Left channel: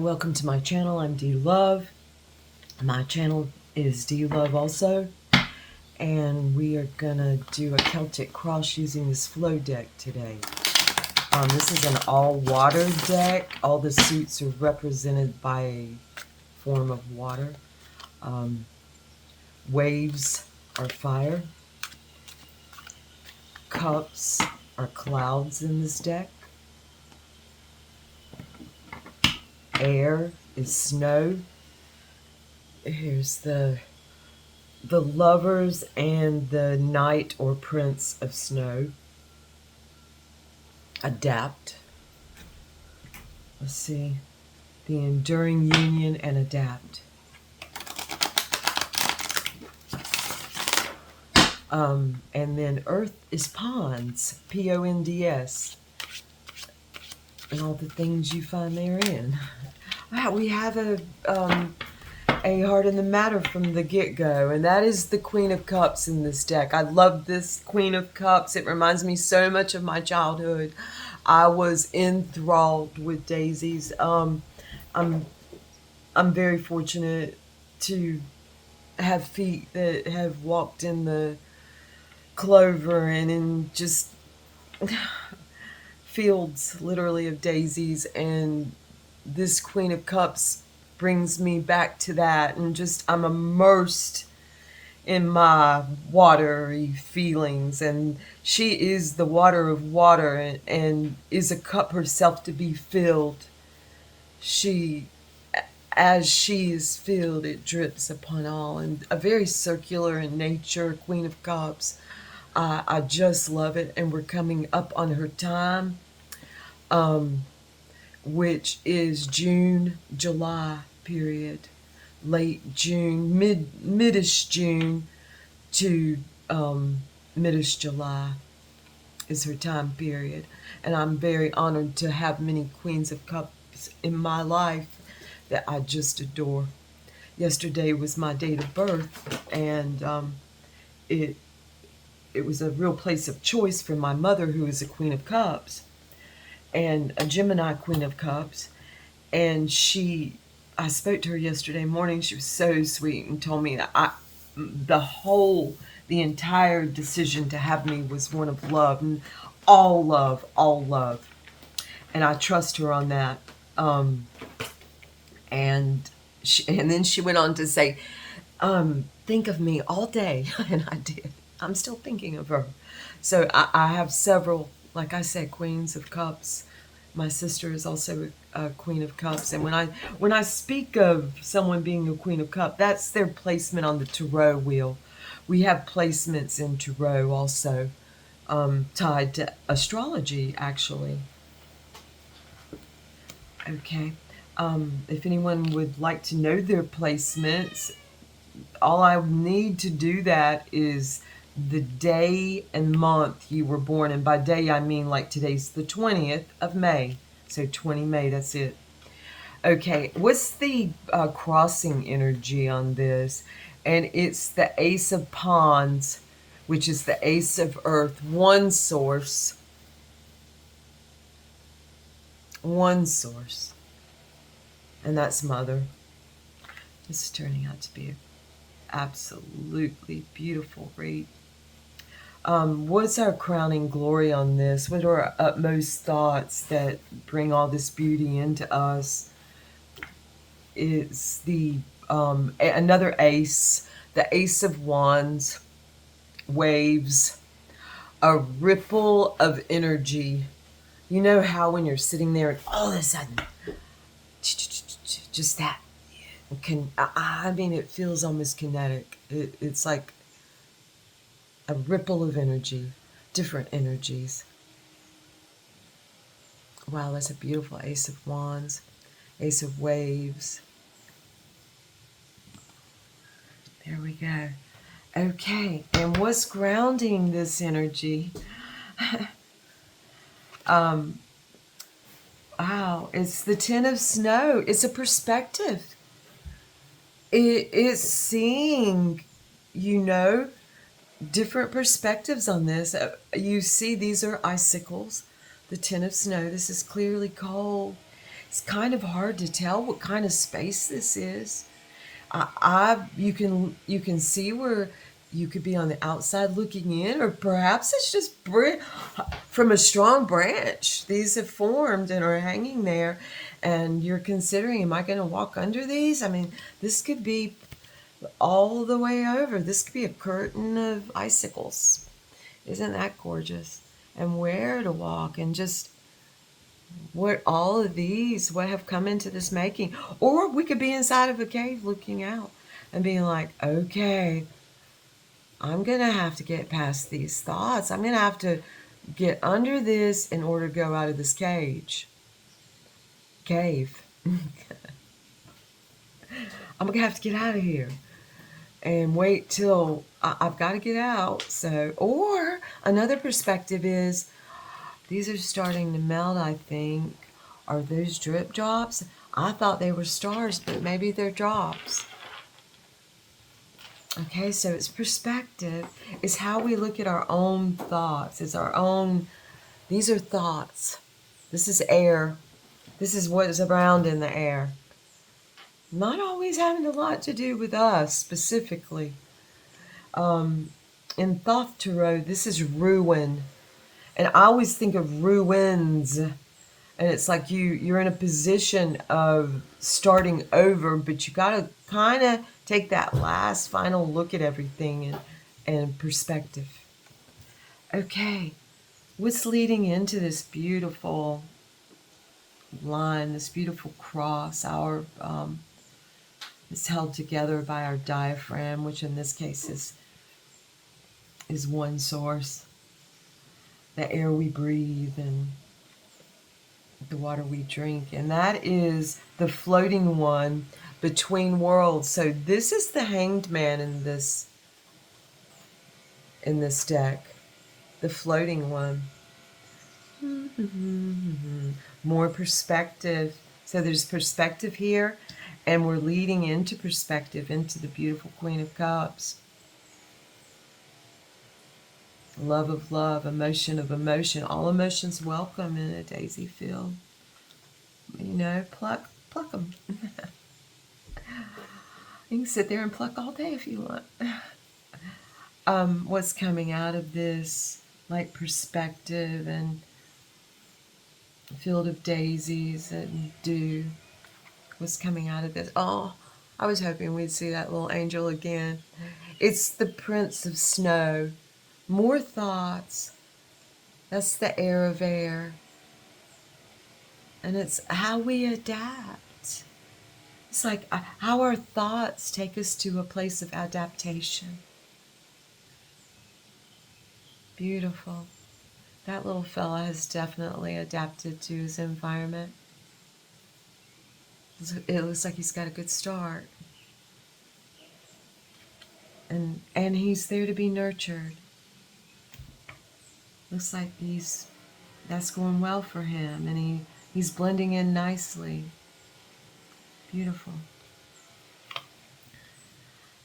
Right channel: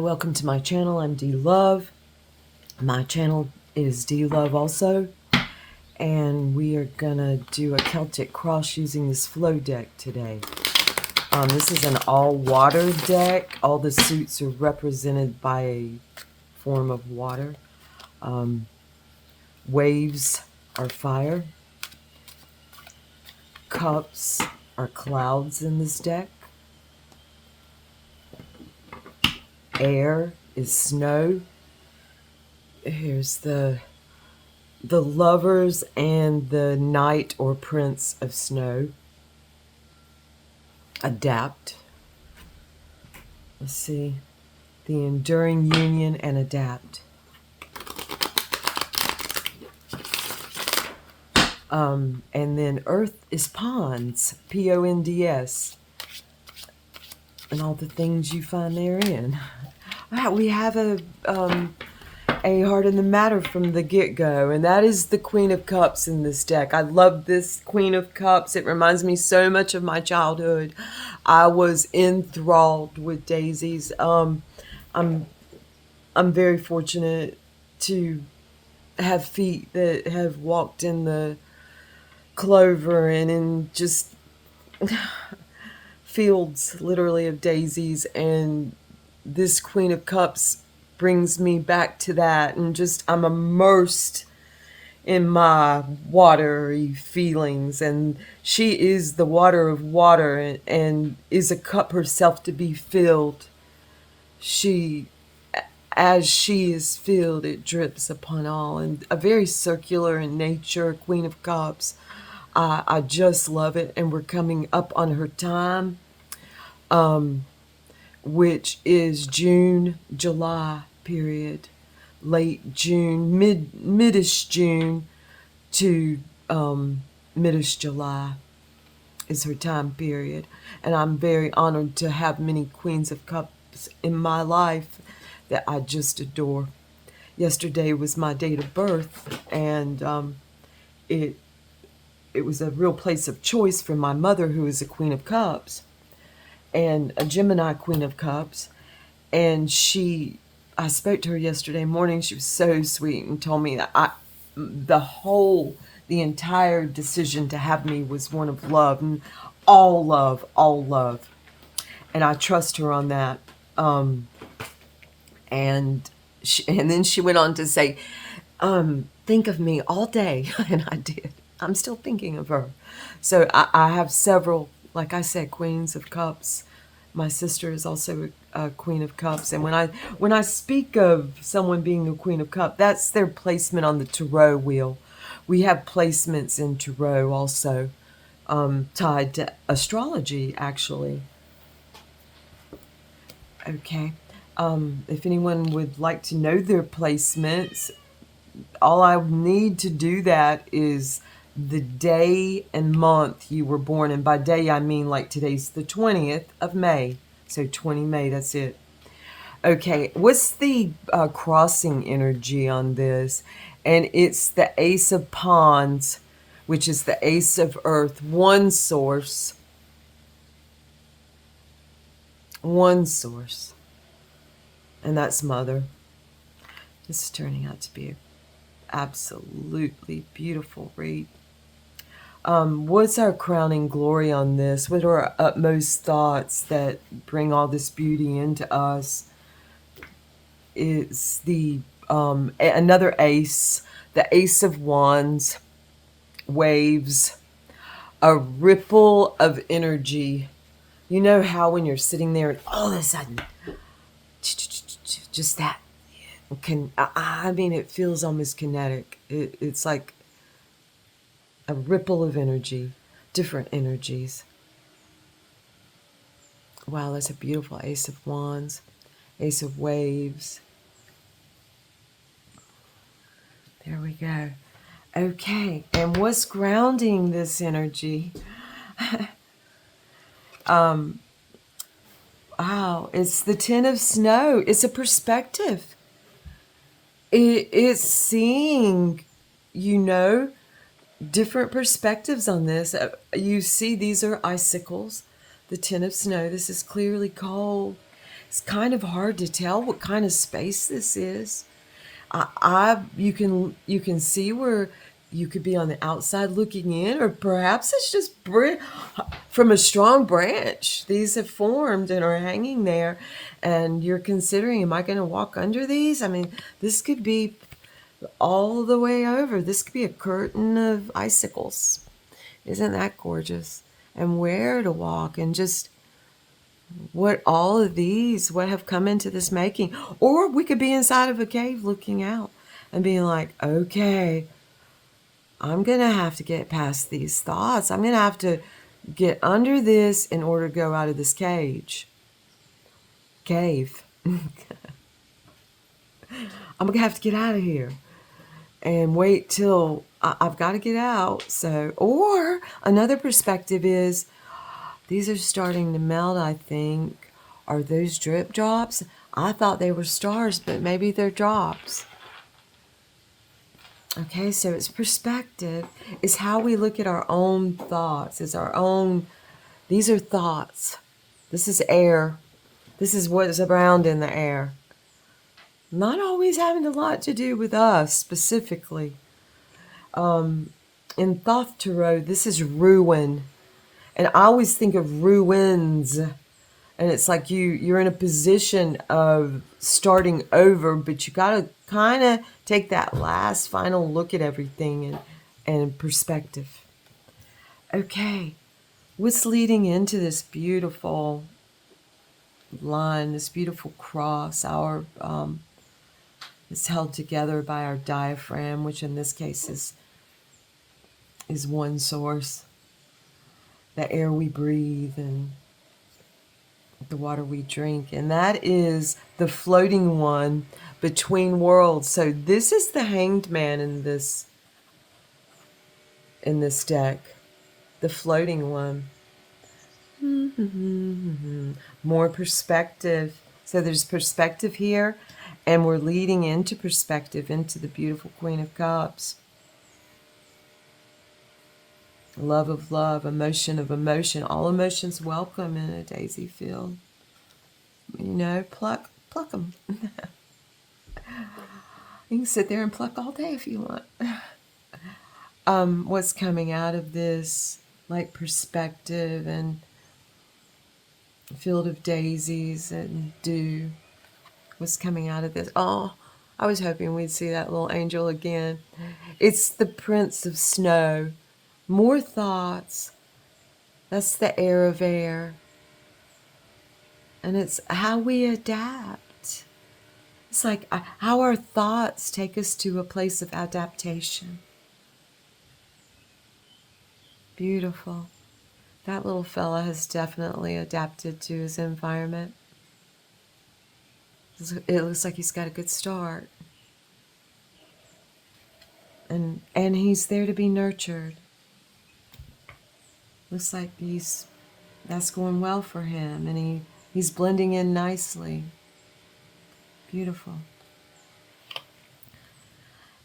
Welcome to my channel. I'm D Love. My channel is D Love also, and we are gonna do a Celtic cross using this flow deck today. This is an all-water deck. All the suits are represented by a form of water. Waves are fire. Cups are clouds in this deck. Air is snow. Here's the Lovers and the Knight or Prince of Snow. Adapt. Let's see. The Enduring Union and Adapt. And then Earth is Ponds. Ponds. And all the things you find therein. We have a Heart in the Matter from the get-go, and that is the Queen of Cups in this deck. I love this Queen of Cups. It reminds me so much of my childhood. I was enthralled with daisies. I'm very fortunate to have feet that have walked in the clover and in just fields literally of daisies, and this Queen of Cups brings me back to that, and just I'm immersed in my watery feelings, and she is the water of water and is a cup herself to be filled. As she is filled, it drips upon all, and a very circular in nature, Queen of Cups. I just love it, and we're coming up on her time, which is June, July period, late June, midish June to midish July is her time period, and I'm very honored to have many Queens of Cups in my life that I just adore. Yesterday was my date of birth, and it was a real place of choice for my mother, who is a Queen of Cups and a Gemini Queen of Cups. And I spoke to her yesterday morning. She was so sweet and told me that the entire decision to have me was one of love, and all love, all love. And I trust her on that. And then she went on to say, think of me all day. And I did. I'm still thinking of her. So I have several, like I said, Queens of Cups. My sister is also a Queen of Cups. And when I speak of someone being a Queen of Cups, that's their placement on the Tarot wheel. We have placements in Tarot also, tied to astrology, actually. Okay. If anyone would like to know their placements, all I need to do that is the day and month you were born. And by day, I mean like today's the 20th of May. So 20 May, that's it. Okay, what's the crossing energy on this? And it's the Ace of Wands, which is the Ace of Earth, one source. One source. And that's Mother. This is turning out to be an absolutely beautiful read. What's our crowning glory on this? What are our utmost thoughts that bring all this beauty into us? It's the another ace, the Ace of Wands, waves, a ripple of energy. You know how when you're sitting there and all of a sudden, just that, I mean, it feels almost kinetic. It's like a ripple of energy, different energies. Wow, that's a beautiful Ace of Wands, Ace of Waves. There we go. Okay, and what's grounding this energy? Wow, it's the Ten of Snow. It's a perspective. It's seeing, different perspectives on this. You see, these are icicles. The Ten of Snow. This is clearly cold. It's kind of hard to tell what kind of space this is. You can see where you could be on the outside looking in, or perhaps it's just from a strong branch. These have formed and are hanging there, and you're considering, am I going to walk under these? I mean, this could be all the way over. This could be a curtain of icicles. Isn't that gorgeous? And where to walk, and just what all of these, what have come into this making. Or we could be inside of a cave looking out and being like, okay, I'm going to have to get past these thoughts. I'm going to have to get under this in order to go out of this cave. I'm going to have to get out of here and wait till I've got to get out. So, or another perspective is, these are starting to melt, I think. Are those drip drops? I thought they were stars, but maybe they're drops. Okay, so it's perspective. It's how we look at our own thoughts. It's our own, these are thoughts. This is air. This is what is around in the air. Not always having a lot to do with us specifically. In Thoth Tarot, this is ruin. And I always think of ruins, and it's like you're in a position of starting over, but you got to kind of take that last final look at everything and perspective. Okay, what's leading into this beautiful line, this beautiful cross? Our it's held together by our diaphragm, which in this case is one source. The air we breathe and the water we drink, and that is the floating one between worlds. So this is the Hanged Man in this deck, the floating one. More perspective. So there's perspective here, and we're leading into perspective into the beautiful Queen of Cups. Love of love, emotion of emotion, all emotions welcome in a daisy field. You know, pluck them. You can sit there and pluck all day if you want. What's coming out of this, like perspective and field of daisies and dew. What's coming out of this? Oh, I was hoping we'd see that little angel again. It's the Prince of Snow. More thoughts. That's the air of air. And it's how we adapt. It's like how our thoughts take us to a place of adaptation. Beautiful. That little fella has definitely adapted to his environment. It looks like he's got a good start. And he's there to be nurtured. Looks like that's going well for him, and he's blending in nicely. Beautiful.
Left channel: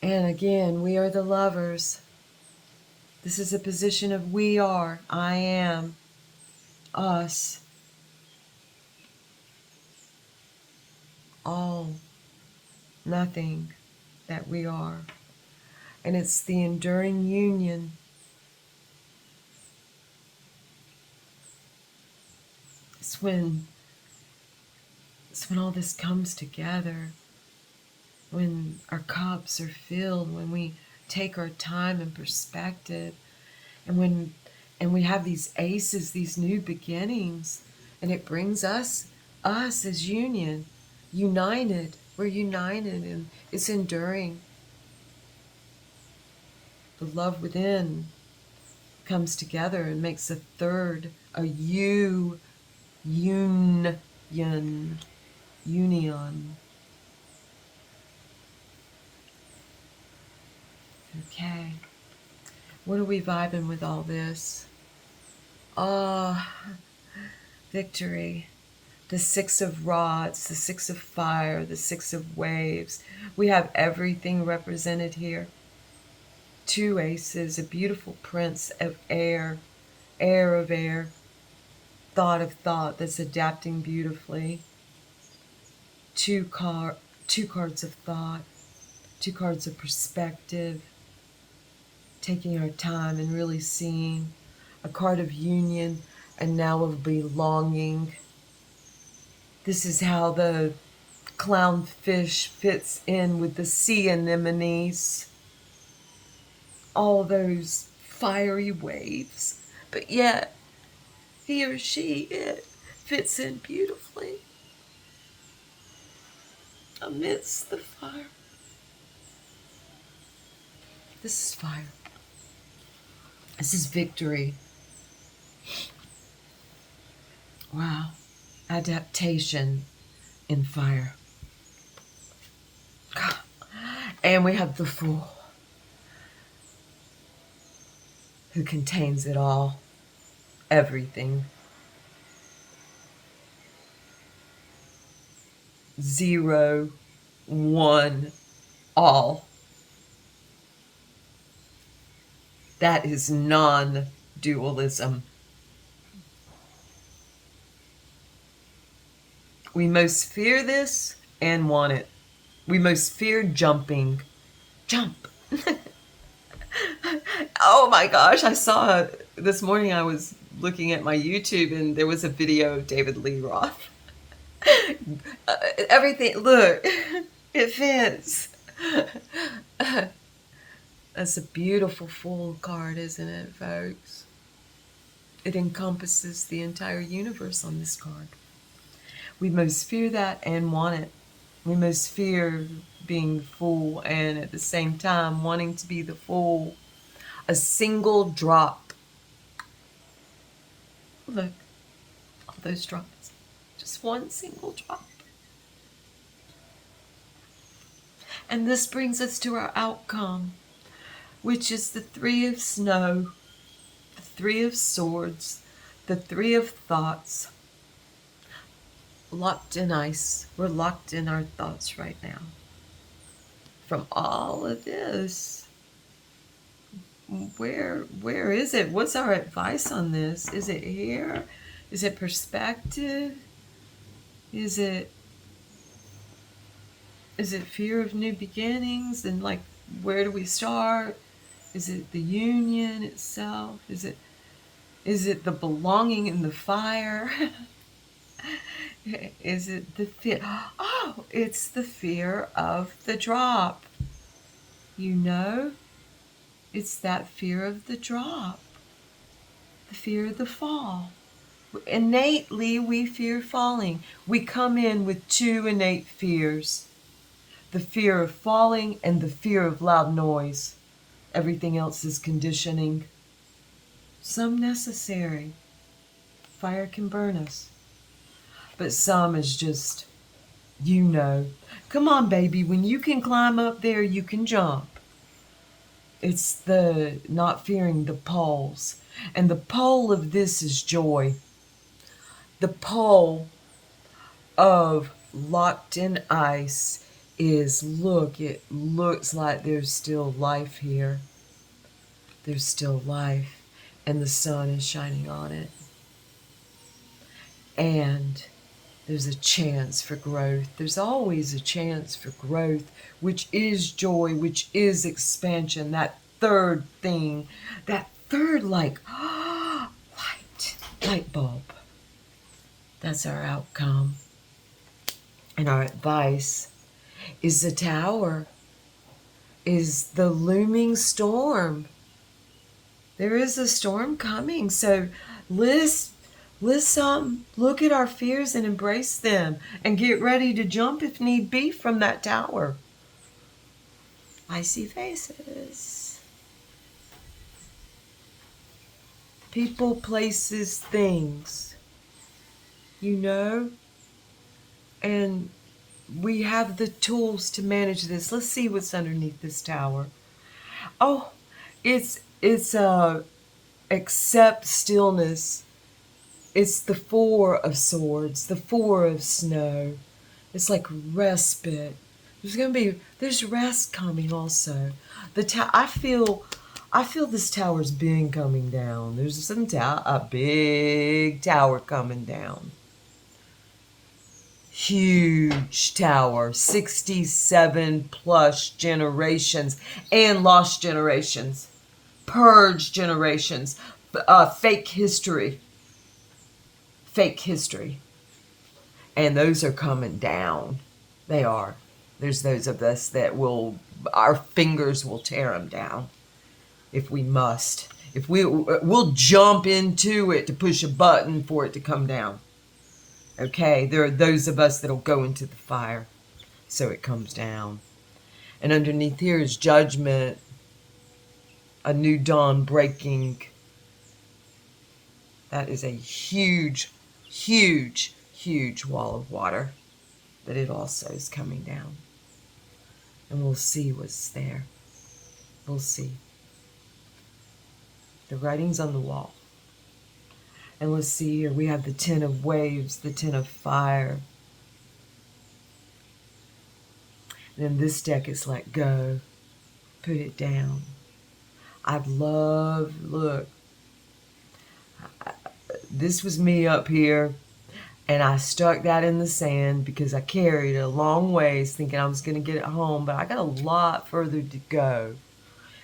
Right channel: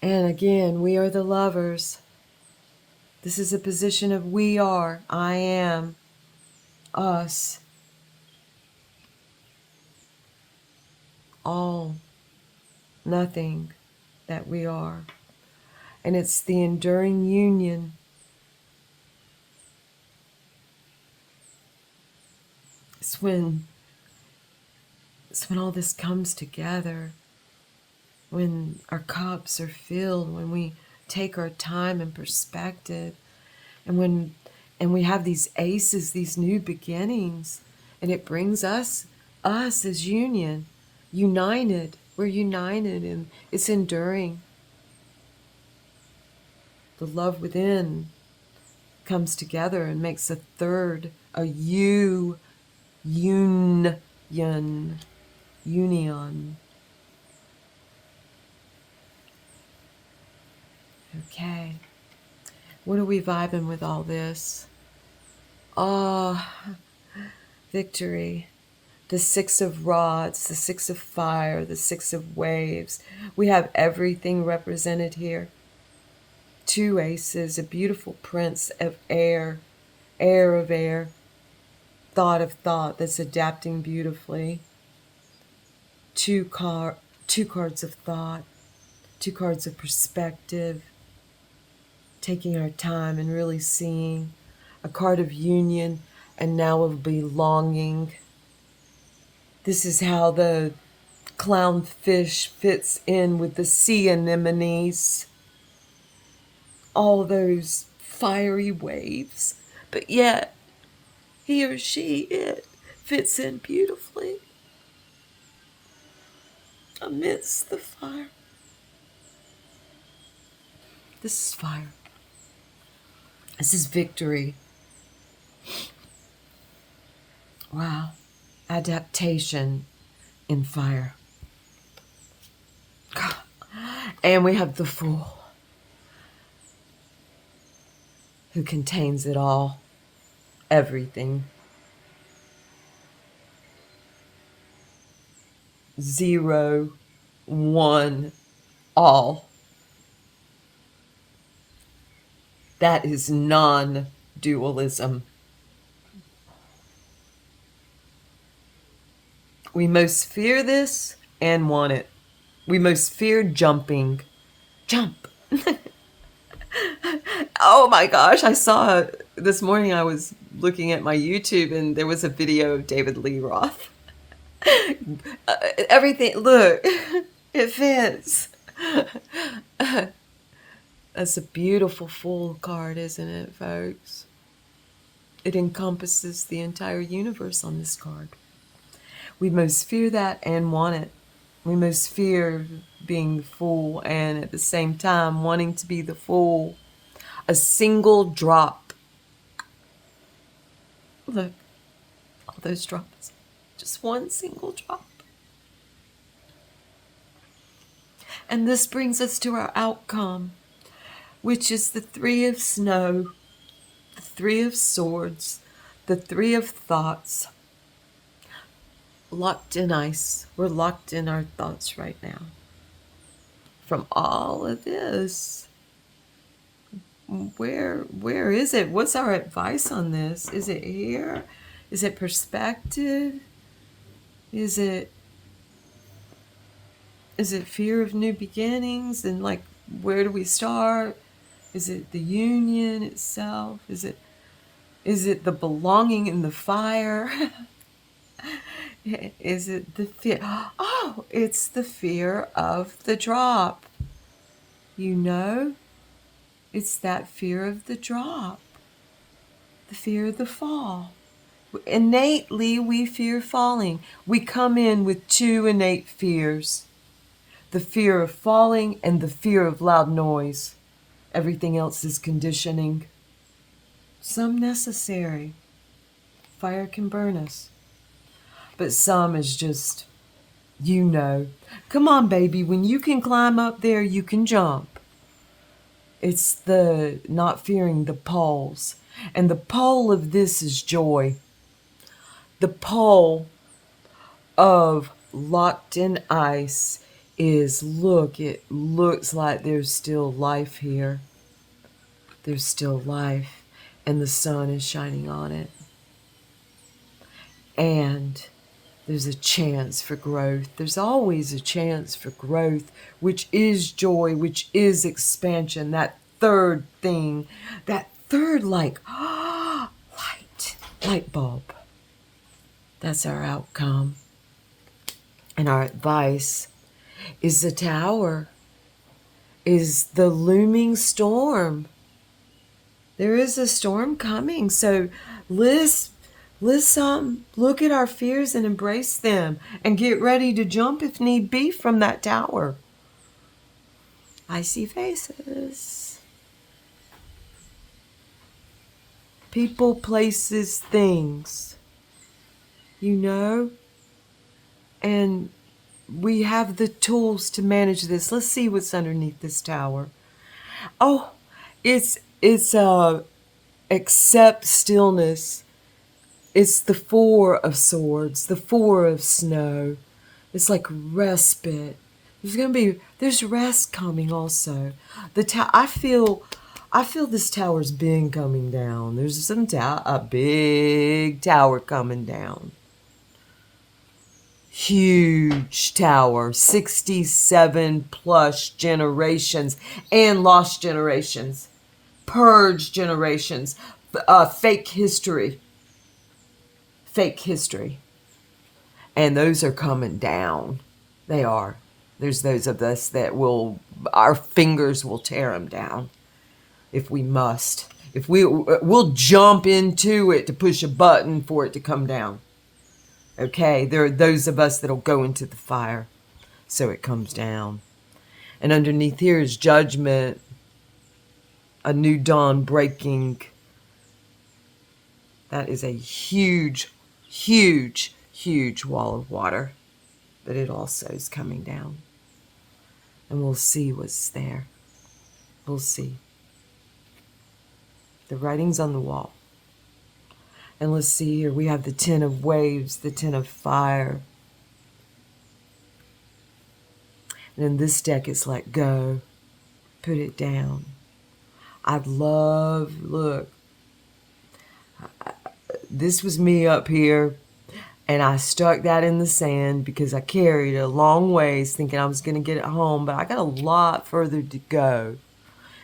And again, we are the lovers. This is a position of we are, I am, us, all, nothing that we are. And it's the enduring union. It's when all this comes together, when our cups are filled, when we take our time and perspective, and we have these aces, these new beginnings, and it brings us as union, united. We're united, and it's enduring. The love within comes together and makes a third, a union. Okay. What are we vibing with all this? Oh, victory. The Six of Rods, the Six of Fire, the Six of Waves. We have everything represented here. Two aces, a beautiful prince of air, air of air, thought of thought that's adapting beautifully. two car two cards of thought, two cards of perspective, taking our time and really seeing, a card of union and now of belonging. This is how the clownfish fits in with the sea anemones, all those fiery waves, but yet he or she, it fits in beautifully amidst the fire. This is fire. This is victory. Wow. Adaptation in fire. And we have the Fool, who contains it all, everything. 0, 1, all. That is non-dualism. We most fear this and want it. We most fear jumping. Jump. Oh my gosh, I saw this morning, I was looking at my YouTube and there was a video of David Lee Roth. Everything, look, it fits. That's a beautiful Fool card, isn't it, folks? It encompasses the entire universe on this card. We most fear that and want it. We most fear being the Fool and at the same time wanting to be the Fool. A single drop. Look, all those drops. Just one single drop. And this brings us to our outcome, which is the 3 of snow, the 3 of swords, the 3 of thoughts. Locked in ice. We're locked in our thoughts right now. From all of this, where is it? What's our advice on this? Is it here? Is it perspective? Is it fear of new beginnings? And like, where do we start? Is it the union itself? Is it the belonging in the fire? Is it the fear? Oh, it's the fear of the drop. You know, it's that fear of the drop, the fear of the fall. Innately, we fear falling. We come in with 2 innate fears: the fear of falling and the fear of loud noise. Everything else is conditioning. Some necessary. Fire can burn us. But some is just, you know. Come on, baby, when you can climb up there, you can jump. It's the not fearing the poles. And the pole of this is joy. The pole of locked in ice is, look, it looks like there's still life here. There's still life, and the sun is shining on it. And there's a chance for growth. There's always a chance for growth, which is joy, which is expansion. That third thing, that third light bulb. That's our outcome. And our advice is the Tower, is the looming storm. There is a storm coming, so let's look at our fears and embrace them and get ready to jump if need be from that tower. I see faces. People, places, things. You know? And we have the tools to manage this. Let's see what's underneath this tower. Oh, it's accept stillness. It's the 4 of swords, the 4 of snow. It's like respite. There's rest coming also. I feel this tower's been coming down. There's a big tower coming down. Huge tower, 67 plus generations and lost generations, purge generations, fake history, fake history. And those are coming down. They are. There's those of us that will, our fingers will tear them down if we must. If we'll jump into it to push a button for it to come down. Okay, there are those of us that'll go into the fire so it comes down. And underneath here is judgment, a new dawn breaking. That is a huge, huge, huge wall of water. But it also is coming down. And we'll see what's there. We'll see. The writing's on the wall. And let's see here. We have the 10 of waves, the 10 of fire. And in this deck, it's let go. Put it down. I'd love, look, this was me up here, and I stuck that in the sand because I carried it a long ways thinking I was going to get it home, but I got a lot further to go.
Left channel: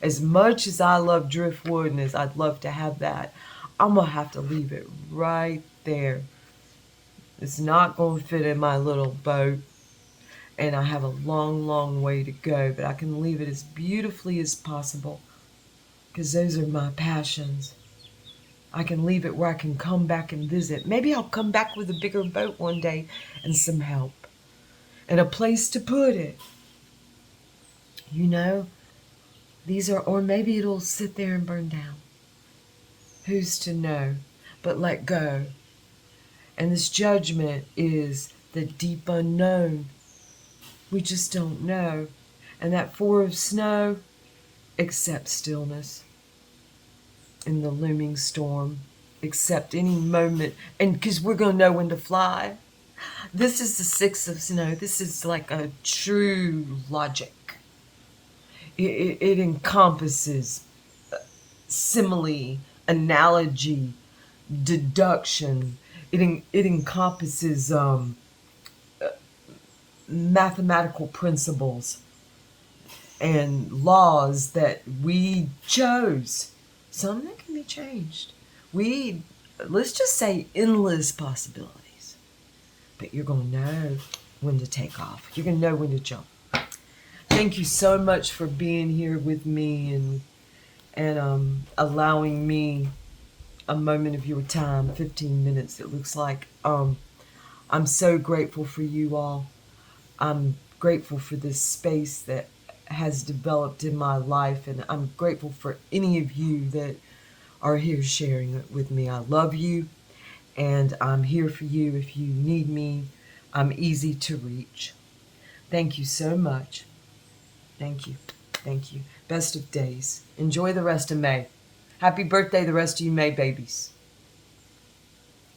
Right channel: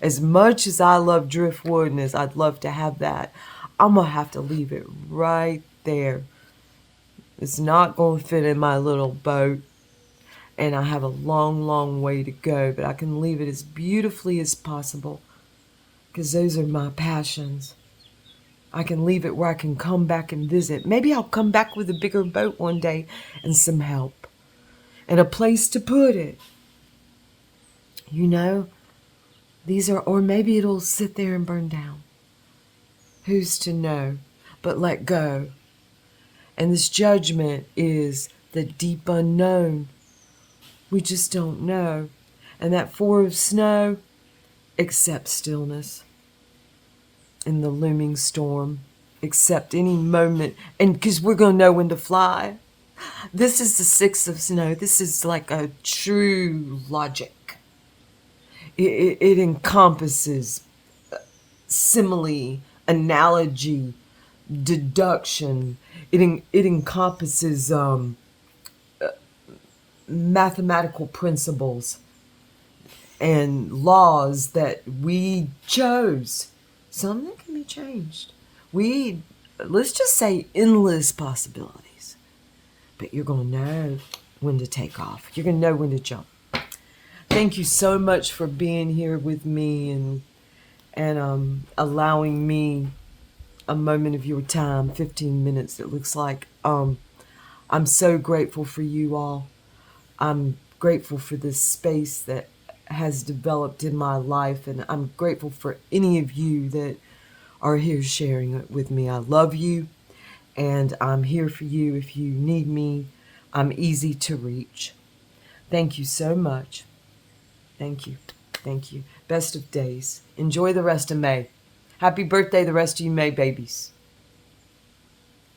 As much as I love driftwood and as I'd love to have that, I'm going to have to leave it right there. It's not going to fit in my little boat, and I have a long, long way to go, but I can leave it as beautifully as possible because those are my passions. I can leave it where I can come back and visit. Maybe I'll come back with a bigger boat one day and some help and a place to put it. You know, these are, or maybe it'll sit there and burn down. Who's to know? But let go. And this judgment is the deep unknown. We just don't know. And that 4 of snow, accept stillness in the looming storm. Accept any moment. And because we're going to know when to fly. This is the 6 of snow. This is like a true logic. It encompasses simile, analogy, deduction. It encompasses mathematical principles and laws that we chose. Some that can be changed. Let's just say endless possibilities. But you're going to know when to take off. You're going to know when to jump. Thank you so much for being here with me and allowing me a moment of your time, 15 minutes it looks like. I'm so grateful for you all. I'm grateful for this space that has developed in my life, and I'm grateful for any of you that are here sharing it with me. I love you, and I'm here for you if you need me. I'm easy to reach. Thank you so much. Thank you. Thank you. Best of days. Enjoy the rest of May. Happy birthday, the rest of you May babies.